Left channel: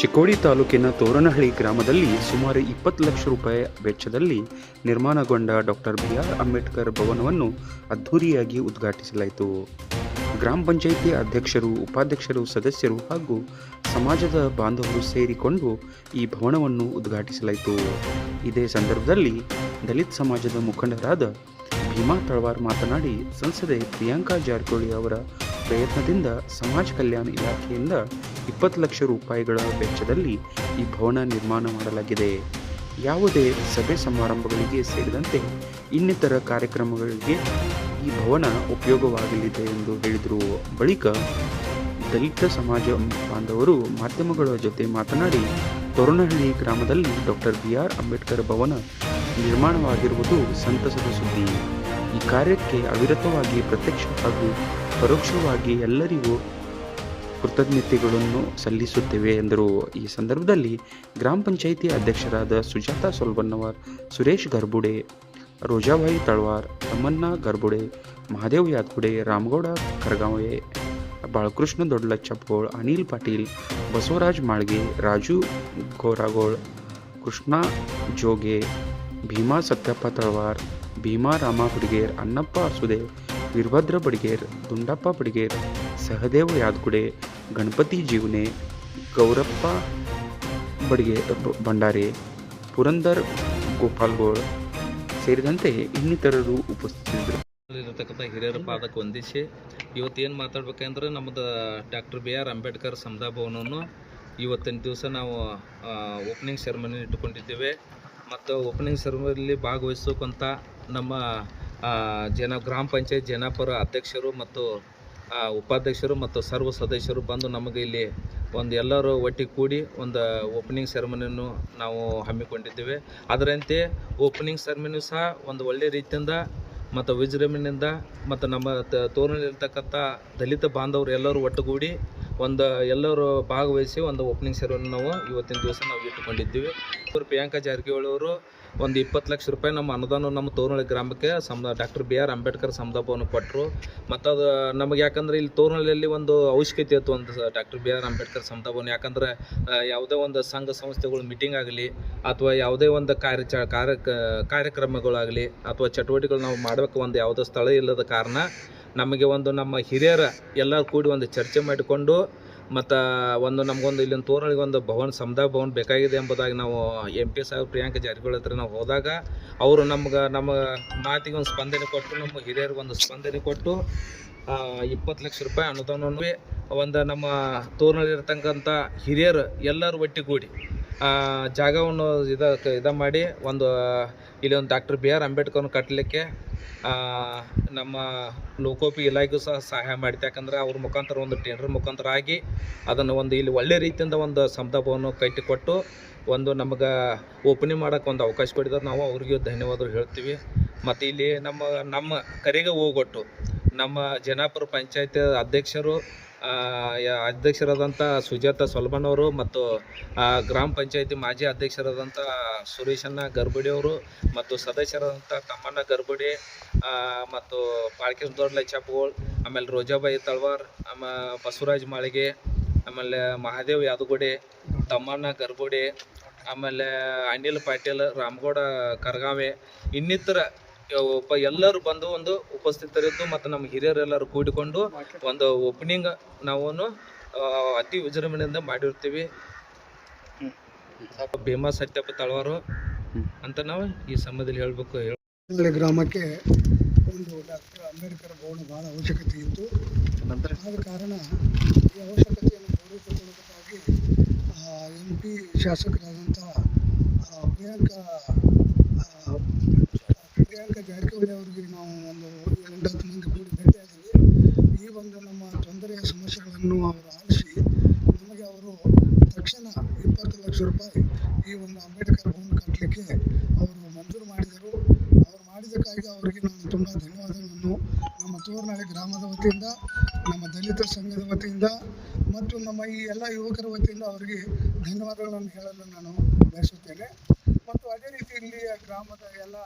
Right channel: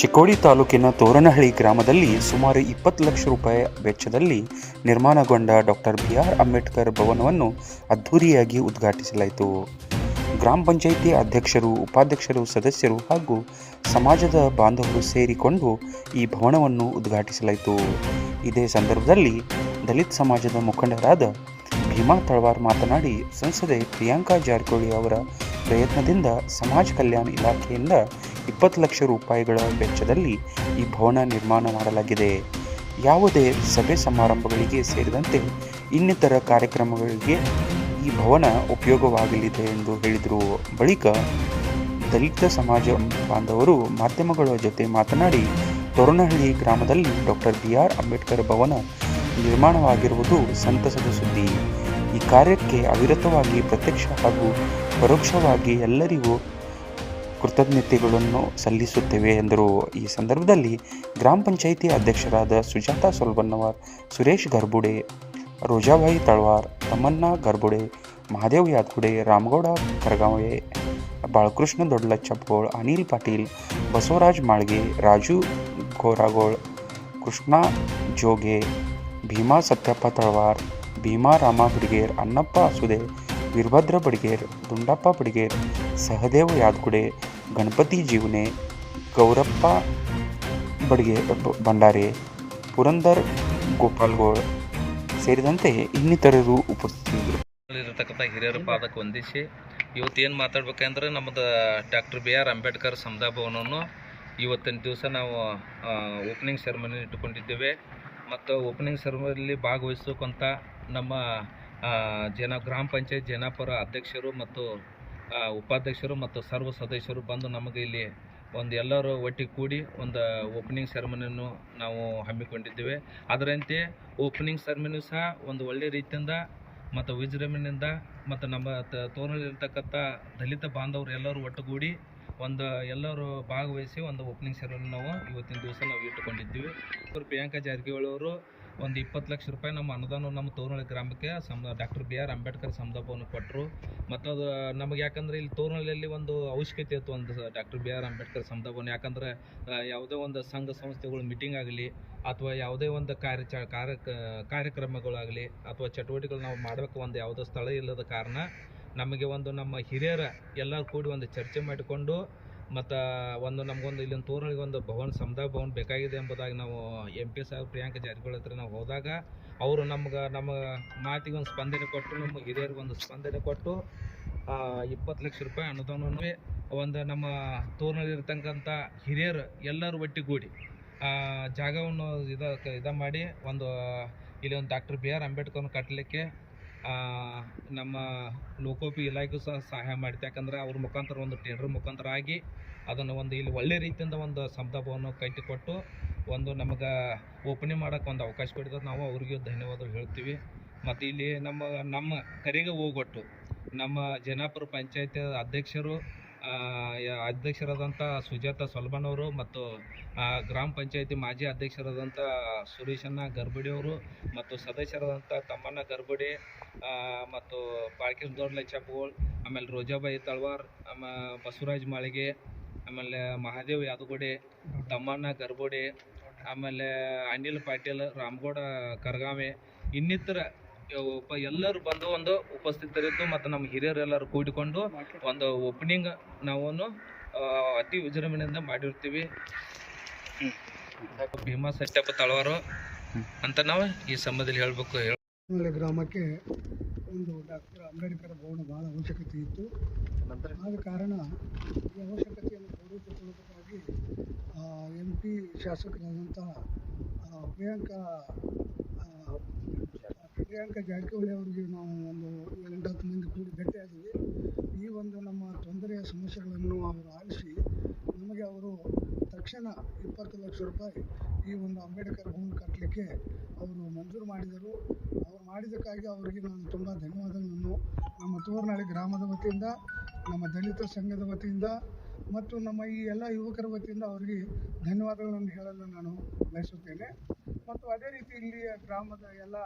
ಚಿಕ್ಕೋಡಿ ತಾಲೂಕಿನ ತೋರಣಹಳ್ಳಿ ಗ್ರಾಮದಲ್ಲಿ ಸುಮಾರು 20 ಲಕ್ಷ ರೂಪಾಯಿ ವೆಚ್ಚದಲ್ಲಿ ನಿರ್ಮಾಣಗೊಂಡ ಡಾಕ್ಟರ್ ಬಿ.ಆರ್. ಅಂಬೇಡ್ಕರ್ ಭವನವನ್ನು ಅದ್ಧೂರಿಯಾಗಿ ಉದ್ಘಾಟಿಸಲಾಯಿತು. ಗ್ರಾಮ ಪಂಚಾಯಿತಿ ಅಧ್ಯಕ್ಷರು, ಉಪಾಧ್ಯಕ್ಷರು, ಸದಸ್ಯರು ಹಾಗೂ ಸಮಾಜದ ಬಾಂಧವರು ಸೇರಿಕೊಂಡು ಈ ಭವನವನ್ನು ಉದ್ಘಾಟಿಸಲಾಯಿತು. ಇದೇ ಸಂದರ್ಭದಲ್ಲಿ ದಲಿತ ಸಮಾಜದ ಮುಖಂಡರಾದ ಭೀಮಾ ತಳವಾರ್ ಮಾತನಾಡಿ, ಸಂಸದೆ ಪ್ರಿಯಾಂಕಾ ಜಾರಕಿಹೊಳಿ ಅವರ ಪ್ರಯತ್ನದಿಂದ ಸಮಾಜ ಕಲ್ಯಾಣ ಇಲಾಖೆಯಿಂದ 20 ಲಕ್ಷ ರೂಪಾಯಿಗಳ ವೆಚ್ಚದಲ್ಲಿ ಈ ಭವನ ನಿರ್ಮಾಣ ಮಾಡಲಾಗಿದೆ. ಯಾವುದೇ ಸಭೆ ಸಮಾರಂಭಗಳಿಗೆ ಸೇರಿದಂತೆ ಇನ್ನಿತರ ಕಾರ್ಯಕ್ರಮಗಳಿಗೆ ಈ ಭವನ ಉಪಯೋಗವಾಗಲಿದೆ ಎಂದು ಹೇಳಿದರು. ಬಳಿಕ ದಲಿತ ಸಮಾಜ ಬಾಂಧವರು ಮಾಧ್ಯಮಗಳ ಜೊತೆ ಮಾತನಾಡಿ, ತೋರಣಹಳ್ಳಿ ಗ್ರಾಮದಲ್ಲಿ ಡಾಕ್ಟರ್ ಬಿ.ಆರ್. ಅಂಬೇಡ್ಕರ್ ಭವನ ನಿರ್ಮಾಣವಾಗಿರುವುದು ಸಂತಸದ ಸುದ್ದಿ. ಈ ಕಾರ್ಯಕ್ಕೆ ಅವಿರತವಾಗಿ ಪ್ರತ್ಯಕ್ಷ ಹಾಗೂ ಪರೋಕ್ಷವಾಗಿ ಎಲ್ಲರಿಗೂ ಕೃತಜ್ಞತೆಗಳನ್ನು ಸಲ್ಲಿಸುತ್ತೇವೆ ಎಂದರು. ಈ ಸಂದರ್ಭದಲ್ಲಿ ಗ್ರಾಮ ಪಂಚಾಯಿತಿ ಅಧ್ಯಕ್ಷರಾದ ಸುಜಾತಾ ಸೊಲ್ಬನ್ನವರ್, ಸುರೇಶ್ ಗರ್ಬುಡೆ, ರೋಜಾಬಾಯಿ ತಳವಾರ್, ತಮ್ಮಣ್ಣ ಗರ್ಬುಡೆ, ಮಹಾದೇವ್ ಯಾದಗುಡೆ, ರಾಮಗೌಡ ಕರಗಾವೆ, ಬಾಳಕೃಷ್ಣ ದೊಡ್ಡಲಚ್ಚಪ್ಪಗೋಳ್, ಅನಿಲ್ ಪಾಟೀಲ್, ಬಸವರಾಜ್ ಮಾಳ್ಗೆ, ರಾಜು ಗೋರಾಗೋಳ್, ಕೃಷ್ಣ ಜೋಗೆ, ಭೀಮಾ ಸತ್ಯಪ್ಪ ತಳವಾರ್, ಭೀಮಾ ರಾಮ ಬಡಿಗೇರ್, ಅನ್ನಪ್ಪ ಅಸುದೆ, ವೀರಭದ್ರ ಬಡಿಗೇರ್, ದುಂಡಪ್ಪ ಬಡಿಗೇರ್, ಸಹದೇವ ಯಾದಗುಡೆ, ಗಣಪತಿ ಜೀವನೆ, ಗೌರಪ್ಪ ಭಂಡಾರೆ, ಪುರಂದರ್ ಗೋಪಾಲ್ಗೋಳ್ ಸೇರಿದಂತೆ ಇನ್ನಿತರರು ಉಪಸ್ಥಿತರಿದ್ದರು. ಇರತಕ್ಕಂಥ ಹಿರಿಯರ ಪಾದಕ್ಕೆ ವಂದಿಸಿ ಇವತ್ತೇನು ಮಾತಾಡ್ಬೇಕಂದ್ರೆ ನಮ್ಮದು ಡಾಕ್ಟರ್ ಬಿ.ಆರ್. ಅಂಬೇಡ್ಕರ್ ಸಮುದಾಯ ಭವನವನ್ನು ಇವತ್ತಿನ ದಿವಸ ನಾವು ಓಪನಿಂಗ್ ಸೆರೆಮನಿ ಇಟ್ಟುಕೊಂಡಿದ್ದೇವೆ. ಮತ್ತು ಓಪನಿಂಗ್ ಸೆರೆಮನಿಯಲ್ಲಿ ಭಾಗವಹಿಸೋಕ್ಕಂಥ ನಮ್ಮ ಗ್ರಾಮ ಪಂಚಾಯತ್ ಜನಾಪುರ ಅಧ್ಯಕ್ಷರು ಮತ್ತು ಉಪಾಧ್ಯಕ್ಷರು ಮತ್ತು ಸರ್ವ ಸದಸ್ಯರು ಬಂದು ನಮಗೆ ಇಲ್ಲಿ ಎಲ್ಲರೂ ಒಟ್ಟಿಗೆ ಕೂಡಿ ಒಂದು ಓಪನಿಂಗ್ ಸೆರೆಮನಿಯನ್ನು ನಾವು ಹಮ್ಮಿಕೊಂಡಿದ್ದೇವೆ. ಅದರಂತೆ ಓಪನಿಂಗ್ ಸೆರೆಮನಿ ಸಹ ಒಂದು ಒಳ್ಳೆಯ ರೀತಿಯಿಂದ ಮತ್ತು ವಿಜೃಂಭಣೆಯಿಂದ ಮತ್ತು ನಮ್ಮ ತೋರಣದಲ್ಲಿರ್ತಕ್ಕಂಥ ದಲಿತ ಬಾಂಧವರು ಎಲ್ಲರೂ ಒಟ್ಟುಗೂಡಿ ಎಲ್ಲರೂ ಭಾಗವಹಿಸಿ ಒಂದು ಓಪನಿಂಗ್ ಸೆರೆಮನಿ ನಾವು ಇವತ್ತಿನ ದಿವಸ ನಾವು ಇಟ್ಟುಕೊಂಡಿದ್ದೀವಿ. ಪ್ರಿಯಾಂಕಾ ಜಾರಕಿಹೊಳಿ ಅವರು 20 ಲಕ್ಷ ರೂಪಾಯಿ ನಮ್ಮ ಅನುದಾನ ನಮ್ಮ ತೋರಣಹಳ್ಳಿ ಗ್ರಾಮಕ್ಕೆ ಡಾಕ್ಟರ್ ಬಿ.ಆರ್. ಅಂಬೇಡ್ಕರ್ ಸಮುದಾಯ ಭವನ ಕೊಟ್ಟರು. ಮತ್ತು ಅದು ನಮಗೆ ಯಾಕಂದರೆ ಇಲ್ಲಿ ತೋರಣಹಳ್ಳಿಯಲ್ಲಿ ಒಂದು ಅವಶ್ಯಕತೆ ಇತ್ತು, ಒಂದು ಡಾಕ್ಟರ್ ಬಿ.ಆರ್. ಅಂಬೇಡ್ಕರ್ ಸಮುದಾಯ ಭವನ. ಯಾಕಂದರೆ ಯಾವುದೇ ಒಂದು ಸಂಘ ಸಂಸ್ಥೆಗಳು ಮೀಟಿಂಗ್ ಆಗಲಿ ಅಥವಾ ಯಾವುದೇ ಒಂದು ಕಾರ್ಯಕ್ರಮಗಳಾಗಲಿ ಅಥವಾ ಚಟುವಟಿಕೆಗಳು ನಾವು ಮಾಡಬೇಕು, ಒಂದು ಯಾವುದೋ ಸ್ಥಳ ಇಲ್ಲದ ಕಾರಣ ನಮಗೆ ನಮ್ಮ ಹಿರಿಯರ ಎಲ್ಲರೂ ಕೂಡಿ ಒಂದು ಚರ್ಚೆ ಮಾಡಿಕೊಂಡು ಮತ್ತು ನಮಗೊಂದು ಇಲ್ಲಿನ ತೋರಣಗಳಿಗೆ ಒಂದು ಸಮುದಾಯ ಭವನ ಬೇಕಾಗಿದೆ ಎಂಬುದಾಗಿ ನಾವು MP ಸಾಹೇಬ್ ಪ್ರಿಯಾಂಕಾ ಜಾರಕಿಹೊಳಿ ಹತ್ರ ನಾವು ಹೋದಾಗ ಅವರು ನಮ್ಮ ಮಾತಿಗೆ ಒಂದು ಸ್ಪಂದನೆ ಕೊಟ್ಟು, ನಮ್ಮ ಹಿರಿಯರಿಗೆ ಒಂದು ಸ್ಪಂದನೆ ಕೊಟ್ಟು 20 ಲಕ್ಷ ರೂಪಾಯಿ ಅನುದಾನವನ್ನು ನಮ್ಮ ತೋರಣದಲ್ಲಿರ್ತಕ್ಕಂಥ ಹಿರಿಯರು ಎಲ್ಲರೂ ಒಟ್ಟಿಗೂಡಿ ಜಾಗವನ್ನು ಇದ ಮಾಡಿ ಇಲ್ಲಿ ಒಂದು ಡಾಕ್ಟರ್ ಬಿ.ಆರ್. ಅಂಬೇಡ್ಕರ್ನ ಕಟ್ಟಲಿಕ್ಕೆ ನಮ್ಮ ಲೋಕೋಪಯೋಗಿ ಇಲಾಖೆಗೂ ಸಹ ಸಹಾಯ ಮಾಡಿದೆ. ಯಾಕಂದರೆ ಅವ್ರ ಮುಖಾಂತರ ಒಂದು ಟೆಂಡರ್ ಮುಖಾಂತರ ಆಗಿ ಅದನ್ನು ಇಲ್ಲಿ ಒಳ್ಳೆ ರೀತಿಯಿಂದ ಒಂದು ಸಮುದಾಯ ಭವನ ಕಟ್ಟಿಕೊಟ್ಟು ನಮಗೆ ಓಪನಿಂಗ್ ಮಾಡೋಕ್ಕೆ ಒಂದು ಅವಕಾಶ ಕೊಟ್ಟಿದ್ದಾರೆ. ನಾವು ಅವ್ರಿಗೆ ಧನ್ಯವಾದ ಹೇಳ್ತೀವಿ. ಮತ್ತು ಇಲ್ಲಿ ನಮ್ಮ ಕರೆಗೆ ಹೋಗೊಟ್ಟು ನಮ್ಮ ಜನಾಪುರ ಪಂಚಾಯತ್ ಅಧ್ಯಕ್ಷರಾದಂಥ ಸುಜಾತಾ ಸೊಲ್ಬಣ್ಣವರು ಮತ್ತು ಗ್ರಾಮ ಪಂಚಾಯತಿ ಮಾಜಿ ಅಧ್ಯಕ್ಷರಾದಂಥ ಸುರೇಶಣ್ಣ ಗರ್ಬುಡಿ ಅವರು ಮತ್ತು ಸದಸ್ಯರಾದಂಥ ತಮ್ಮಣ್ಣ ಗರ್ಬುಡಿ ಮತ್ತು ಬಾಳಕೃಷ್ಣ ದೊಡ್ಡಲಚ್ಚಪ್ಪಗೋಳ್, ಆಮೇಲೆ ರೋಜಾಬಾಯಿ ತಳವಾರ್, ಬಸವರಾಜ್ ಮಾಳಿಗೆ, ಆಮೇಲೆ ಮಹಾದೇವ್ ಯಾದಗುಡೆ, ತಮ್ಮಣ್ಣ ಗರ್ಬುಡಿ, ಆಮೇಲೆ ಅನಿಲ್ ಪಾಟೀಲ್, ರಾಮಗೌಡ ಕರಗಾವೆ, ಇನ್ನಿತರ ಎಲ್ಲರೂ ಬಂದು ಉಪಸ್ಥಿತರಿದ್ದು ಮತ್ತು ನಮ್ಮ ಹಿರಿಯರೆಲ್ಲರೂ ಕೂಡಿಕೊಂಡು ಒಂದು ಓಪನಿಂಗ್ ನಾವು ಅತಿ ವಿಜೃಂಭಣೆಯಿಂದ ಮಾಡಿರ್ತೀವಿ. ಭೀಮಾ ಸತ್ಯಪ್ಪ ತಳವಾರು ಅಂತ ನಾವು ಈ ಸಂಬಂಧದಲ್ಲಿ ಹೇಳಬೇಕು. ಗ್ರಾಮಕ್ಕೆ ಒಂದು ಡಾಕ್ಟರ್ ಅಂಬೇಡ್ಕರ್ ಭವನ ಭಾಳ ಅವಶ್ಯಕತೆ ಇತ್ತು. ಆದ ಕಾರಣ ಈ ಅವಶ್ಯಕತೆಯನ್ನು ಪೂರೈಸಿಕೊಳ್ಳುವುದಕ್ಕಾಗಿ MP ಶಾಸಕರಾದಂಥ ಪ್ರಿಯಾಂಕಾ ಜಾರಕಿಹೊಳಿ ಅವರಿಗೆ ನಾವು 7-10 ಮಂದಿ ಕೂಡಿ ಭೇಟಿಯಾಗಿದ್ವಿ. ಈ ನಮ್ಮ ತೊಂದರೆಯ ಸಮಸ್ಯೆಗಳನ್ನು ಅವರು ಆಲಿಸಿ ನಮಗೆ ಅವರು ತಕ್ಷಣ 20 ಲಕ್ಷ ರೂಪಾಯಿ ಈ ಅಂಬೇಡ್ಕರ್ ಭವನ ಕಟ್ಟಲಿಕ್ಕೆ ಅವರು ಮಂಜೂರು ಮಾಡಿದರು. ಅವರು ಮಾಡಿದ್ದಕ್ಕಾಗಿ ಅವರಿಗೆ ನಾನು ತುಂಬ ಧನ್ಯವಾದಗಳನ್ನು ನಮ್ಮ ತೋರಣಹಳ್ಳಿ ಗ್ರಾಮದ ವತಿಯಿಂದ, ನಮ್ಮ ದಲಿತ ಸಂಘದ ವತಿಯಿಂದ ಮತ್ತು ನಮ್ಮ ಈ ಎಲ್ಲ ಯುವಕರ ವತಿಯಿಂದ ಅವರಿಗೆ ಧನ್ಯವಾದಗಳನ್ನು ಹೇಳಲು ನಾನು ಬಯಸುತ್ತೇನೆ. ಮತ್ತು ಅದೇ ರೀತಿ ಇಲ್ಲಿಯ ಗ್ರಾಮದ ಎಲ್ಲ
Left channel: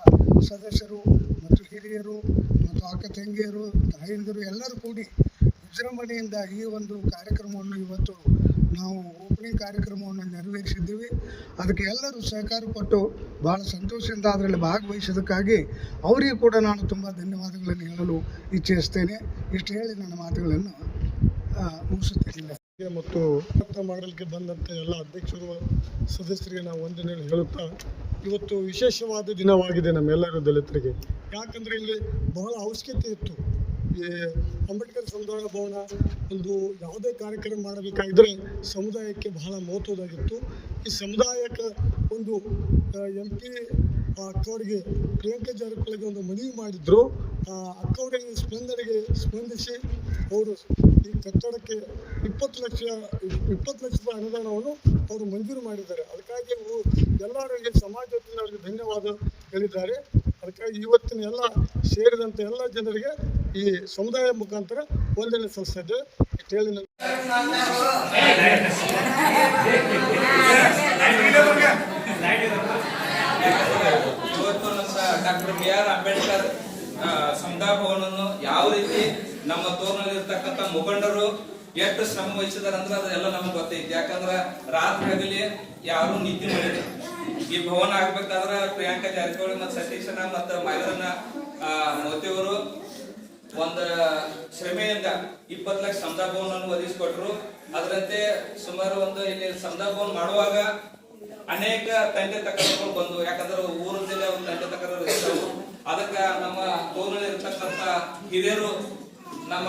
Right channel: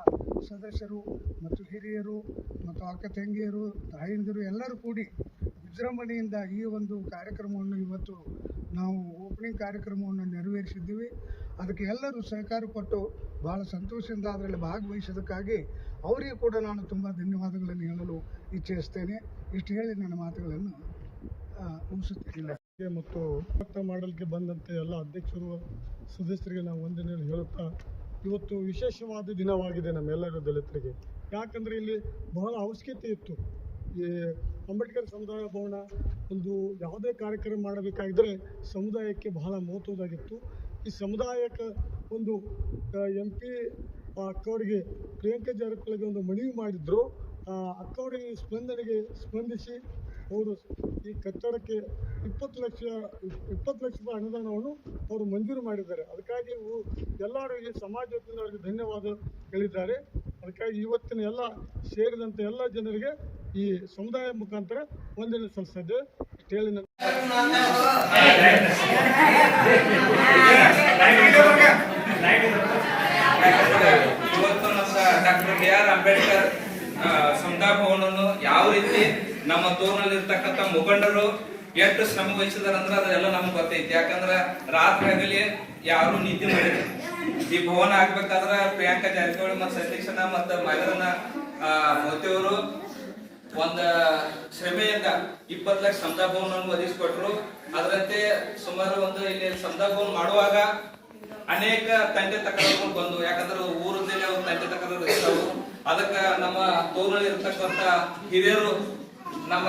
ಸದಸ್ಯರು ಮತ್ತು ಹಿರಿಯರು ಮತ್ತು ಅಕ್ಕ ತಂಗಿಯರು, ತಾಯಂದಿರು ಎಲ್ಲರೂ ಕೂಡಿ ವಿಜೃಂಭಣೆಯಿಂದ ಈ ಕಾರ್ಯಕ್ರಮವನ್ನು ಇವತ್ತು ನಾವು ಓಪನಿಂಗ್ ಕಾರ್ಯಕ್ರಮವನ್ನು ನೆರವೇರಿಸಿದ್ದೀವಿ. ಅದಕ್ಕೆ ಎಲ್ಲರೂ ಸಹಕಾರ ಕೊಟ್ಟು ಭಾಳ ಸಂತೋಷದಿಂದ ಅದರಲ್ಲಿ ಭಾಗವಹಿಸೋದಕ್ಕಾಗಿ ಅವರಿಗೂ ಕೂಡ ನಾನು ತುಂಬ ಧನ್ಯವಾದಗಳನ್ನು ಹೇಳಲು ಇಚ್ಛಿಸ್ತೇನೆ. ಇಷ್ಟು ಹೇಳಿ ನನ್ನ ಮಾತುಗಳನ್ನು ಮುಗಿಸುತ್ತೇನೆ. ಮತ್ತು ಮಾಡಲಿಕ್ಕೆ ಬಂದಂಥ ಎಲ್ಲ ಅಧ್ಯಕ್ಷರು ಸದಸ್ಯರಿಗೆ ನಾವು ವಂದನೆ ಹೇಳುತ್ತಾ, ಇವತ್ತು ವಿಶೇಷವಾದ ದಿನವಾಗಿದೆ ನಮ್ಮೆಲ್ಲರೂ ದಲಿತರಿಗೆ. ಯಾಕಂದರೆ ಇಲ್ಲಿ ಬಹಳ ಅವಶ್ಯಕತೆ ಇತ್ತು. ಈ ಅಂಬೇಡ್ಕರ್ ಸಮುದಾಯ ಭವನ ಒಂದು ಯಾವುದೇ ಕಾರ್ಯಕ್ರಮ ಮಾಡಬೇಕಾಗಿದ್ದರೆ ಸಮುದಾಯಕ್ಕೆ ಬಹಳ ಮಹತ್ವದಾಗಿತ್ತು. ಈ ಸಮುದಾಯಕ್ಕೆ ಒಂದು MP ಅಕ್ಕವರಿಗೆ ಪ್ರಿಯಾಂಕಾ ಜಾರಕಿಹೊಳಿಗೆ ಒಂದು ಮನವಿ ಮಾಡಿದ್ರು. ಅಕ್ಕವರಿಗೆ ಸ್ಪಂದಿಸಿ ಅವರು ಈ ಕಟ್ಟಡಕ್ಕೆ 20 ಲಕ್ಷ ರೂಪಾಯಿ ಅನುದಾನವನ್ನು ಅವರು ಮಂಜೂರು ಮಾಡಿದ್ದಾರೆ. ಅದಕ್ಕಾಗಿ ಎಲ್ಲರಿಗೆ ಸಮಾಜ ವತಿಯಿಂದ ಅವರಿಗೆ ಧನ್ಯವಾದ ಹೇಳಿದ್ದಾರೆ. ಅದಕ್ಕಾಗಿ ಇವತ್ತಿನ ಎಲ್ಲ ಸೇರಿದಂಥ ಎಲ್ಲ ಜನರಿಗೆ ಈ ಸಮುದಾಯ ಮುಖಾಂತರ ವಂದನೆ ಸಲ್ಲಿಸ್ತಾ ಇದ್ದೇವೆ. ಇಷ್ಟು ಹೇಳಿ ಇವತ್ತು ನಮ್ಮ ಡಾಕ್ಟರ್ BR ಅಂಬೇಡ್ಕರ್ ಸಮುದಾಯ ಭವನವನ್ನು ಯಾವ ರೀತಿ ನಮ್ಮ ತೋರಿನಲ್ಲಿರ್ತಕ್ಕಂಥ ಮುಖಂಡರು ಎಷ್ಟು ಶ್ರಮ ವಹಿಸಿದಾರೆ ಅಂದ್ರೆ ಅದೆಲ್ಲ ನಮ್ಗೆ ಗೊತ್ತೈತಿ. ಯಾಕಂದ್ರೆ ರಾತ್ರಿ ಆಗಲಿ ಯಾರು ನಿದ್ದೆ ಮಾಡಿದ್ರು. ಈ ಭವನ ಆಗ್ಬೇಕಾದ್ರೆ ಪ್ರಿಯಾಂಕಾ ಜಾರಕಿಹೊಳಿ ಮತ್ತು ಸತೀಶನ ಮತ್ತು ಮೈಲರನ್ನ ಮೋತಿಯವರು ಒಂದು ಶ್ರಮೆಯಿಂದ 20 ಲಕ್ಷ ಸಮುದಾಯ ಭವನವನ್ನು ಒದಗಿಸಿಕೊಟ್ರು. ಅದರಂತೆ ಸುಮಾರು ಒಂದು ಇಲ್ಲಿ ಸಮುದಾಯ ಭವನ ಮಾಡುವಾಗ ಅನೇಕ ತಂದೆ ತಕರಾರುಗಳು ಬಂದು, ಯಾಕಂದ್ರೆ ಊರದಲ್ಲಿ ಒಂದು ತಂದೆ ತಕರಾರು ಇರ್ತವು. ಅದಕ್ಕೆ ನಮ್ಮ ತೋರಲ್ಲಿ ಇರ್ತಕ್ಕಂಥ ಹಿರಿಯರು ನಮ್ಮ